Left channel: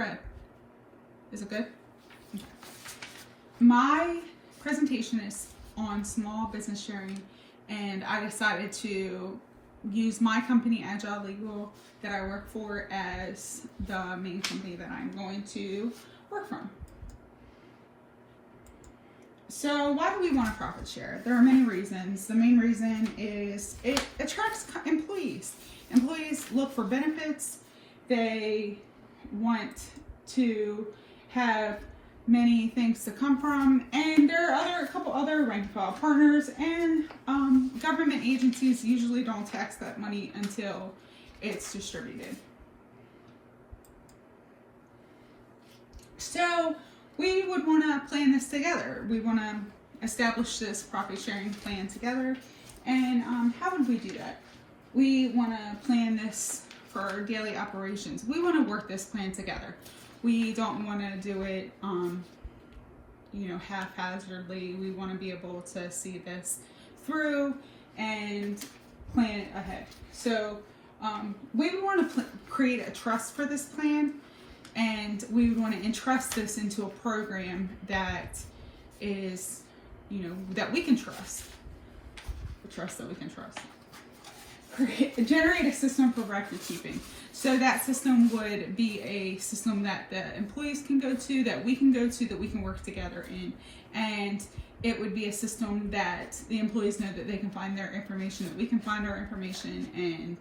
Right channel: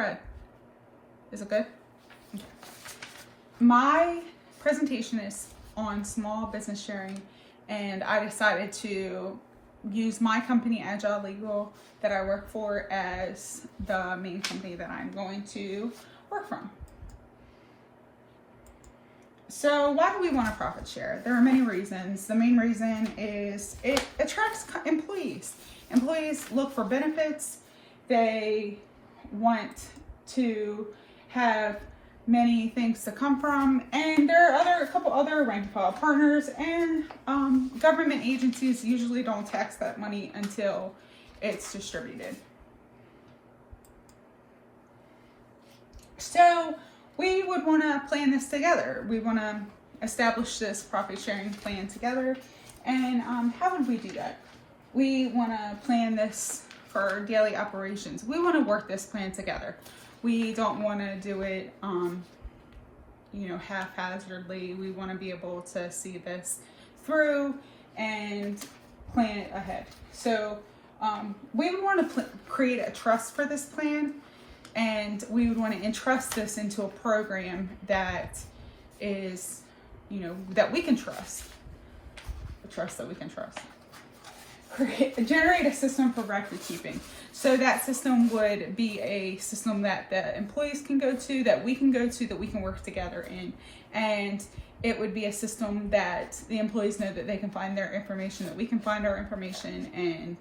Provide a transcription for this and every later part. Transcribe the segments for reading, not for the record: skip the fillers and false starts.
red. Is it good? Okay. My presentation is on small business sharing, and I decided to use my company, Agile Legal, that I work for as the main company that I'm going to work from. So why do we want a profit share? There are many reasons. The main reason is it attracts employees. Employees look for benefits. They want to have many things to come from, and there are a couple other rank and file partners, and government agencies usually don't tax that money until it's distributed. So we would want to plan this together. We want to establish this profit sharing plan together. And how would we do that? We want to plan this for daily operations. We want to work this plan together. We don't want to do it, haphazardly. We want to be able to see this through and plan it ahead. So we would want to create a trust for this plan, and we would want to entrust this into a program that is, that we can trust. A trust that we can trust. Generate a system for record keeping. So that system would be a system that the employees can go to, that we can go to, that we can work together in. And it would be a system that the employees know that they can find their information, that we can find our information, and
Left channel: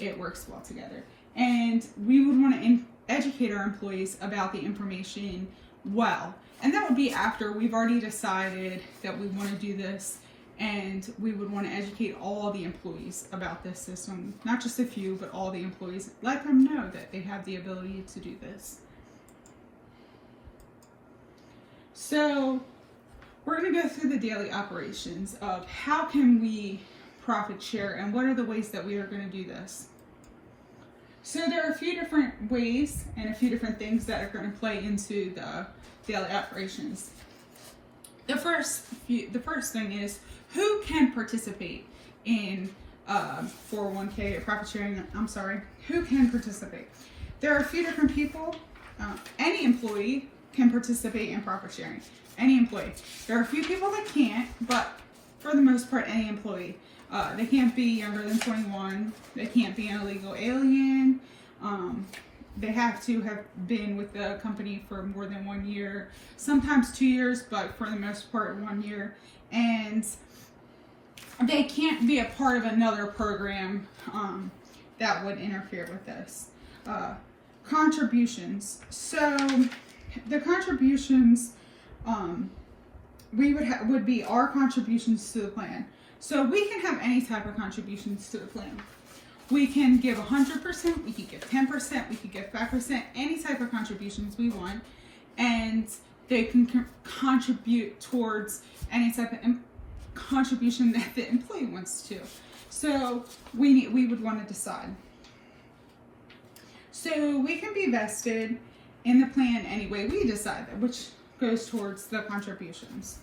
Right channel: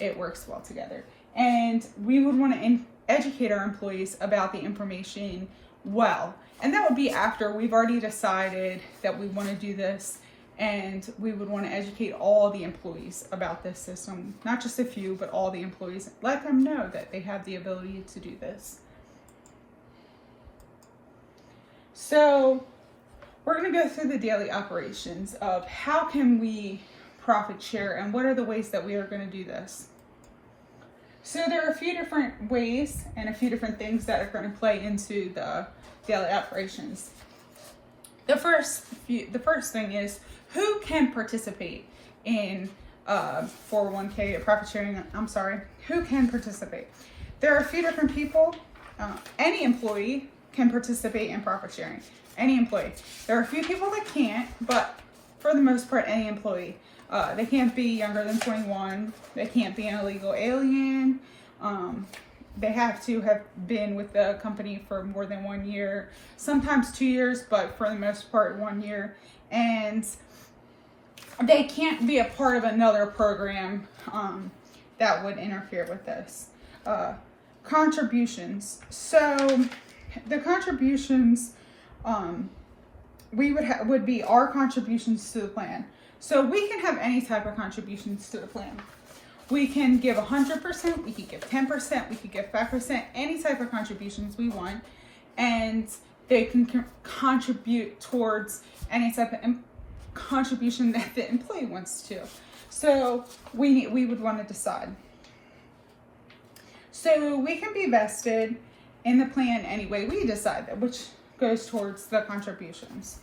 it works well together. And we would want to educate our employees about the information well. And that would be after we've already decided that we want to do this, and we would want to educate all the employees about this system, not just a few, but all the employees. Let them know that they have the ability to do this. So we're going to go through the daily operations of how can we profit share and what are the ways that we are going to do this. So there are a few different ways and a few different things that are going to play into the daily operations. The first thing is, who can participate in 401k or profit sharing? Who can participate? There are a few different people. Any employee can participate in profit sharing. Any employee. There are a few people that can't, but for the most part, any employee. They can't be younger than 21. They can't be an illegal alien. They have to have been with the company for more than 1 year, sometimes 2 years, but for the most part 1 year. And they can't be a part of another program that would interfere with this. Contributions. So the contributions would be our contributions to the plan. So we can have any type of contributions to the plan. We can give 100%, we could give 10%, we could give 5%, any type of contributions we want, and they can contribute towards any type of contribution that the employee wants to. So we would want to decide. So we can be vested in the plan any way we decide that, which goes towards the contributions.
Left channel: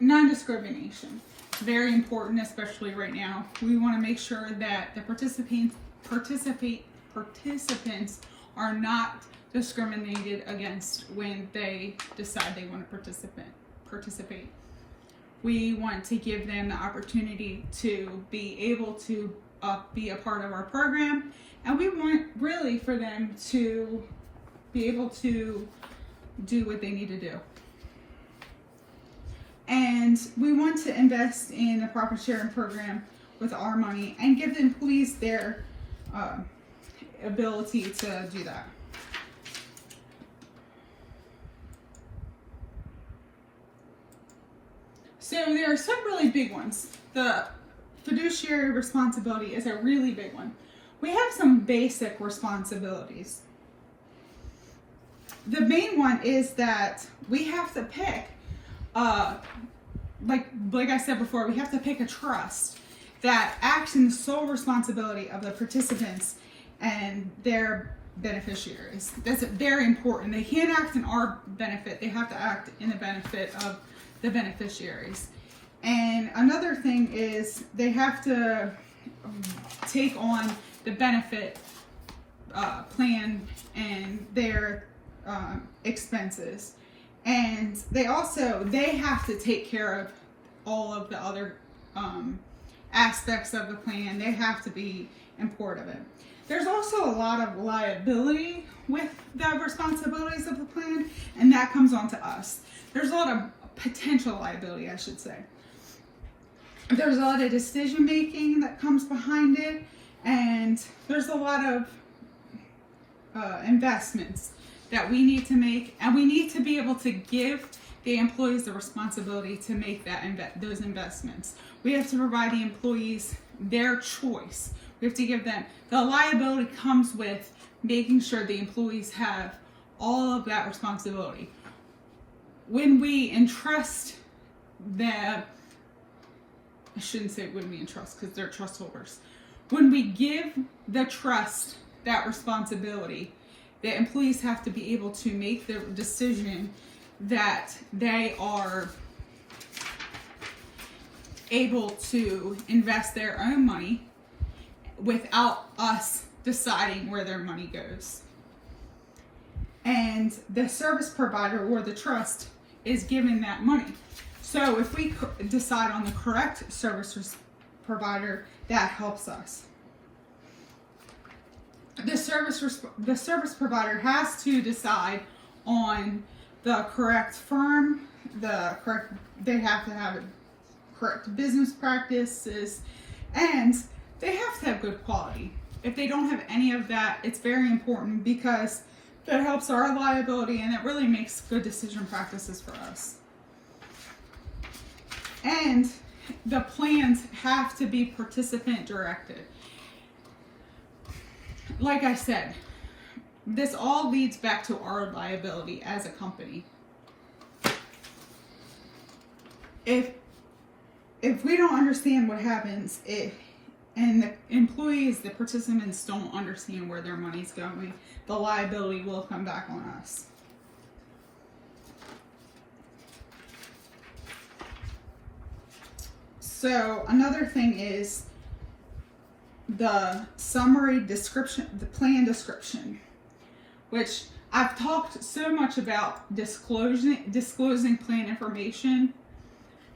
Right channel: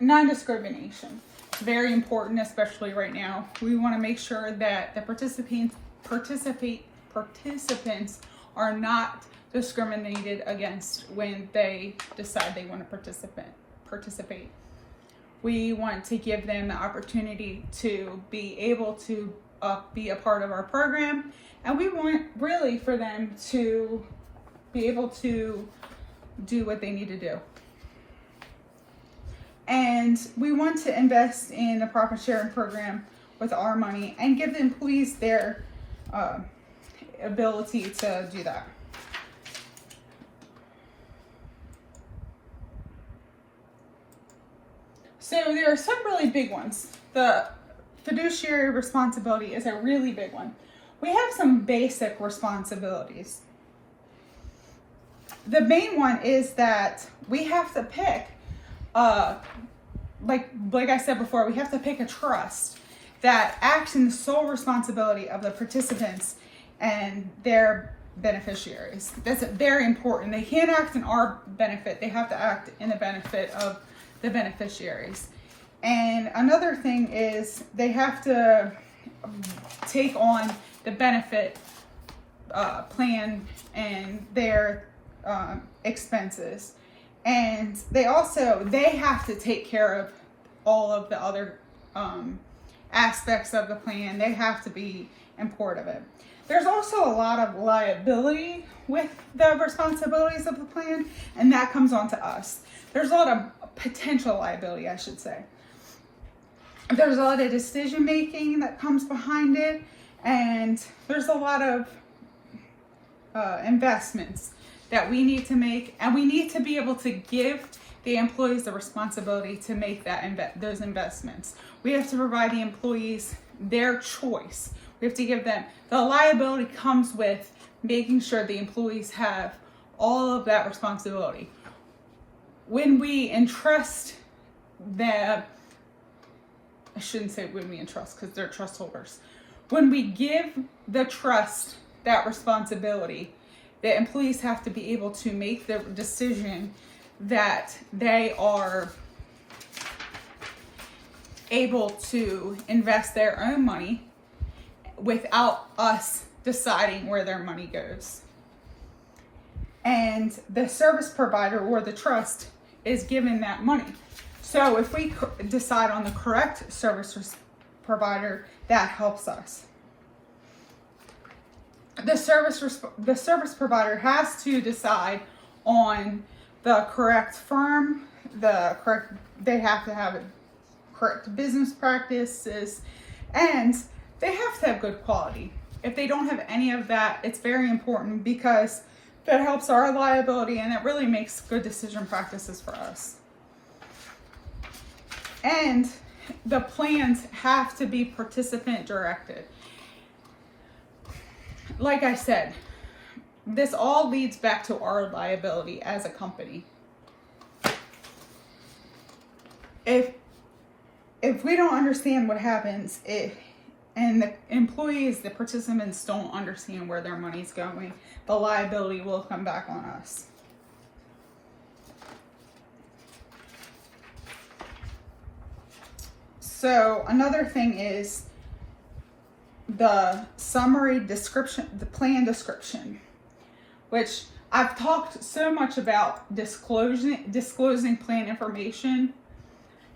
Non-discrimination. Very important, especially right now. We want to make sure that the participants are not discriminated against when they decide they want to participate. We want to give them the opportunity to be able to be a part of our program, and we want really for them to be able to do what they need to do. And we want to invest in the profit sharing program with our money and give the employees their ability to do that. So there are some really big ones. The fiduciary responsibility is a really big one. We have some basic responsibilities. The main one is that we have to pick like I said before, we have to pick a trust that acts in the sole responsibility of the participants and their beneficiaries. That's very important. They can't act in our benefit. They have to act in the benefit of the beneficiaries. And another thing is they have to take on the benefit plan and their expenses. And they have to take care of all of the other aspects of the plan. They have to be in support of it. There's also a lot of liability with the responsibilities of the plan, and that comes on to us. There's a lot of potential liability, I should say. There's a lot of decision making that comes behind it, and there's a lot of investments that we need to make, and we need to be able to give the employees the responsibility to make those investments. We have to provide the employees their choice. We have to give them, the liability comes with making sure the employees have all of that responsibility. When we entrust them, I shouldn't say when we entrust because they're trust holders. When we give the trust that responsibility, the employees have to be able to make the decision that they are able to invest their own money without us deciding where their money goes. And the service provider or the trust is given that money. So if we decide on the correct service provider, that helps us. The service provider has to decide on the correct firm, they have to have correct business practices, and they have to have good quality. If they don't have any of that, it's very important because that helps our liability and it really makes good decision practices for us. And the plans have to be participant directed. Like I said, this all leads back to our liability as a company. If we don't understand what happens, and the employees, the participants don't understand where their money's going, the liability will come back on us. So another thing is the summary description, the plan description, which I've talked so much about disclosing plan information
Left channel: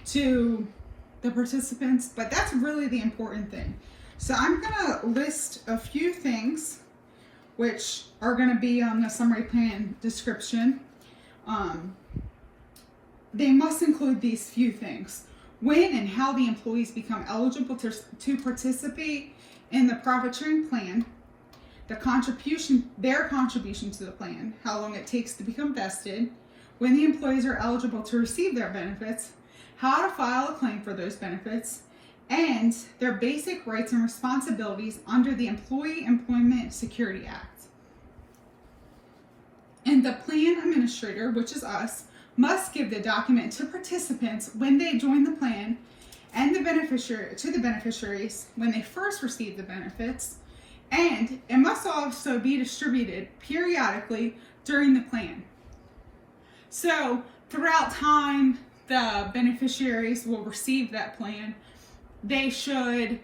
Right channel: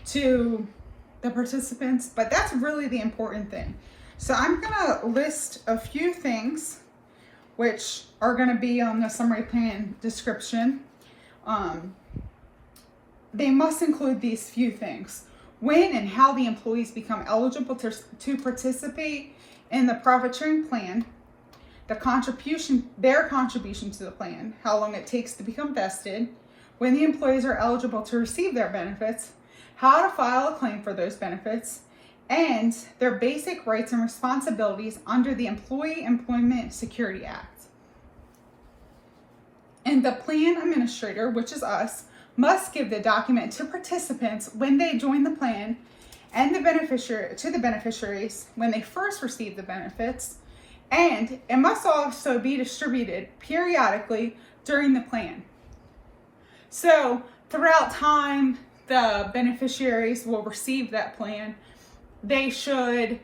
to the participants, but that's really the important thing. So I'm gonna list a few things which are gonna be on the summary plan description. They must include these few things: when and how the employees become eligible to participate in the profit sharing plan, their contribution to the plan, how long it takes to become vested, when the employees are eligible to receive their benefits, how to file a claim for those benefits, and their basic rights and responsibilities under the Employee Employment Security Act. And the plan administrator, which is us, must give the document to participants when they join the plan, and the beneficiaries when they first receive the benefits, and it must also be distributed periodically during the plan. So throughout time, the beneficiaries will receive that plan. They should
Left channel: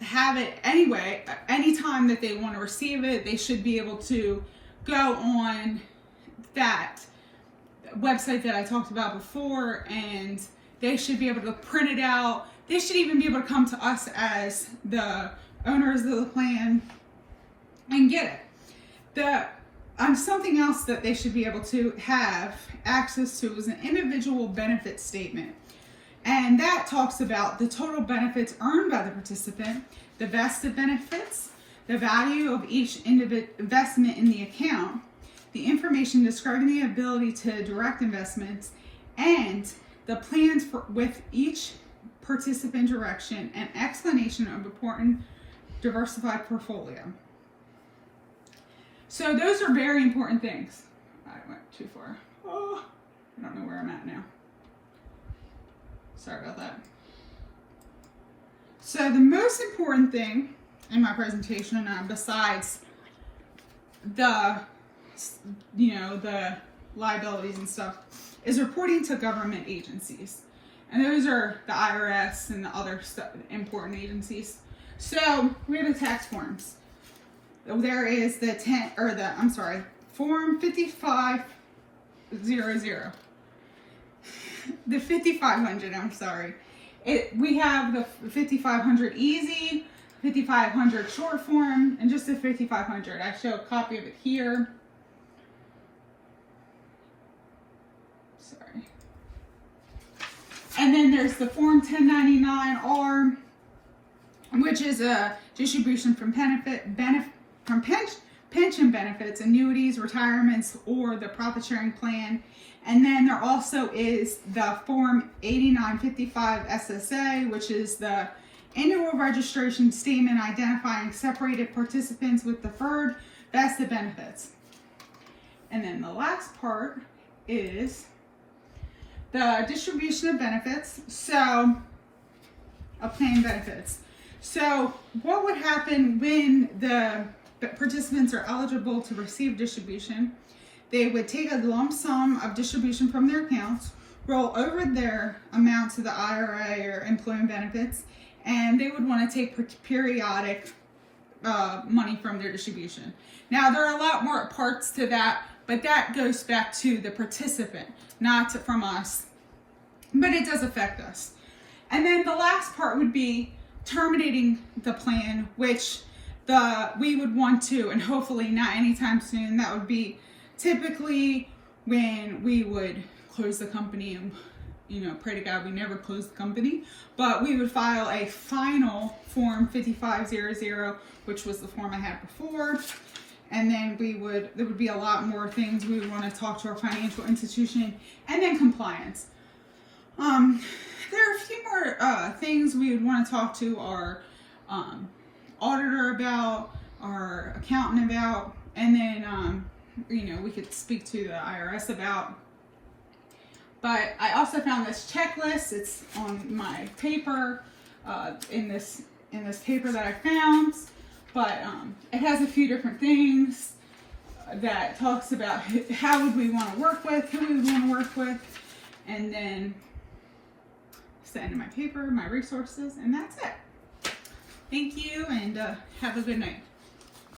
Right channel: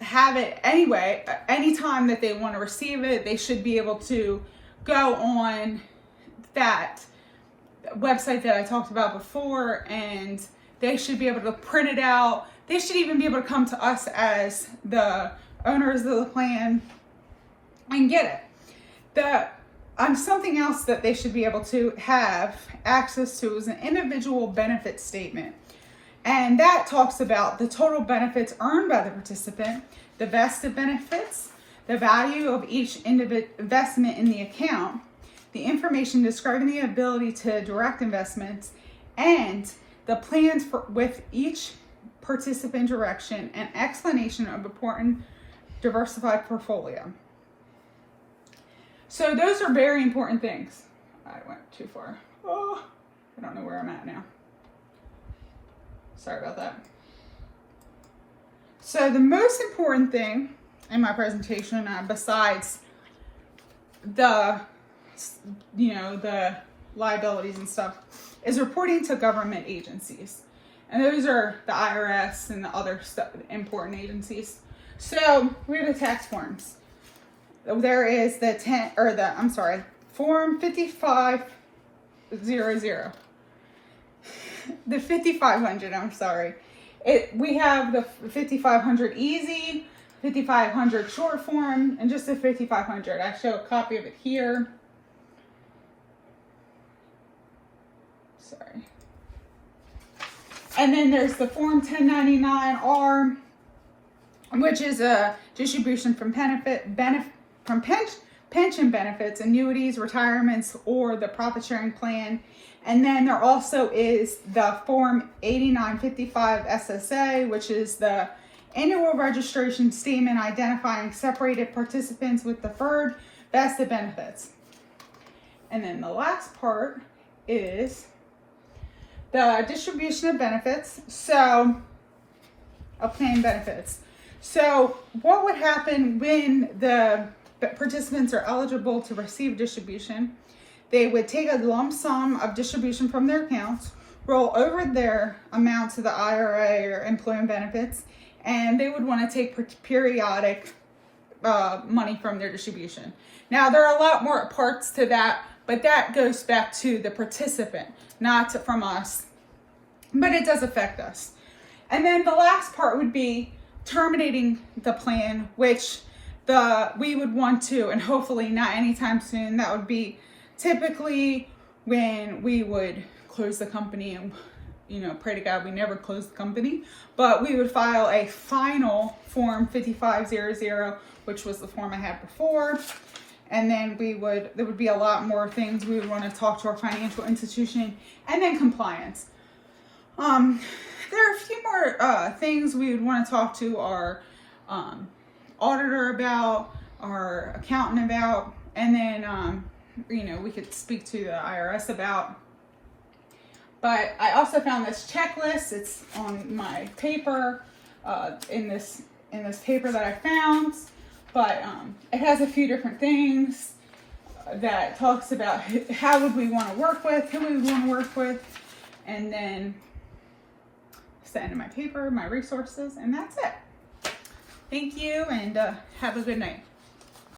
have it anyway. Anytime that they want to receive it, they should be able to go on that website that I talked about before, and they should be able to print it out. They should even be able to come to us as the owners of the plan and get it. Something else that they should be able to have access to is an individual benefit statement. And that talks about the total benefits earned by the participant, the vested benefits, the value of each investment in the account, the information describing the ability to direct investments, and the plans with each participant direction and explanation of important diversified portfolio. So those are very important things. I went too far. Oh, I don't know where I'm at now. Sorry about that. So the most important thing in my presentation, besides the liabilities and stuff, is reporting to government agencies. And those are the IRS and the other important agencies. So we have the tax forms. there is the Form 5500. The 5500, I'm sorry. We have the 5500 easy, 5500 short form, and just the 5500. I show a copy of it here. Sorry. And then there's the Form 1099-R, which is a distribution from pension benefits, annuities, retirements, or the profit sharing plan. And then there also is the Form 8955 SSA, which is the annual registration statement identifying separated participants with deferred vested benefits. And then the last part is the distribution of benefits, of plan benefits. So what would happen when the participants are eligible to receive distribution? They would take a lump sum of distribution from their accounts, roll over their amount to the IRA or employment benefits, and they would want to take periodic money from their distribution. Now, there are a lot more parts to that, but that goes back to the participant, not from us, but it does affect us. And then the last part would be terminating the plan, which we would want to, and hopefully not anytime soon. That would be typically when we would close the company, and pray to God we never close the company, but we would file a final Form 5500, which was the form I had before. And then there would be a lot more things we would want to talk to our financial institution, and then compliance. There are a few more things we would want to talk to our auditor about, our accountant about, and then we could speak to the IRS about. But I also found this checklist. It's on my paper, in this paper that I found. But it has a few different things that talks about how would we want to work with, who we would want to work with, and then it's the end of my paper, my resources, and that's it. Thank you, and have a good night.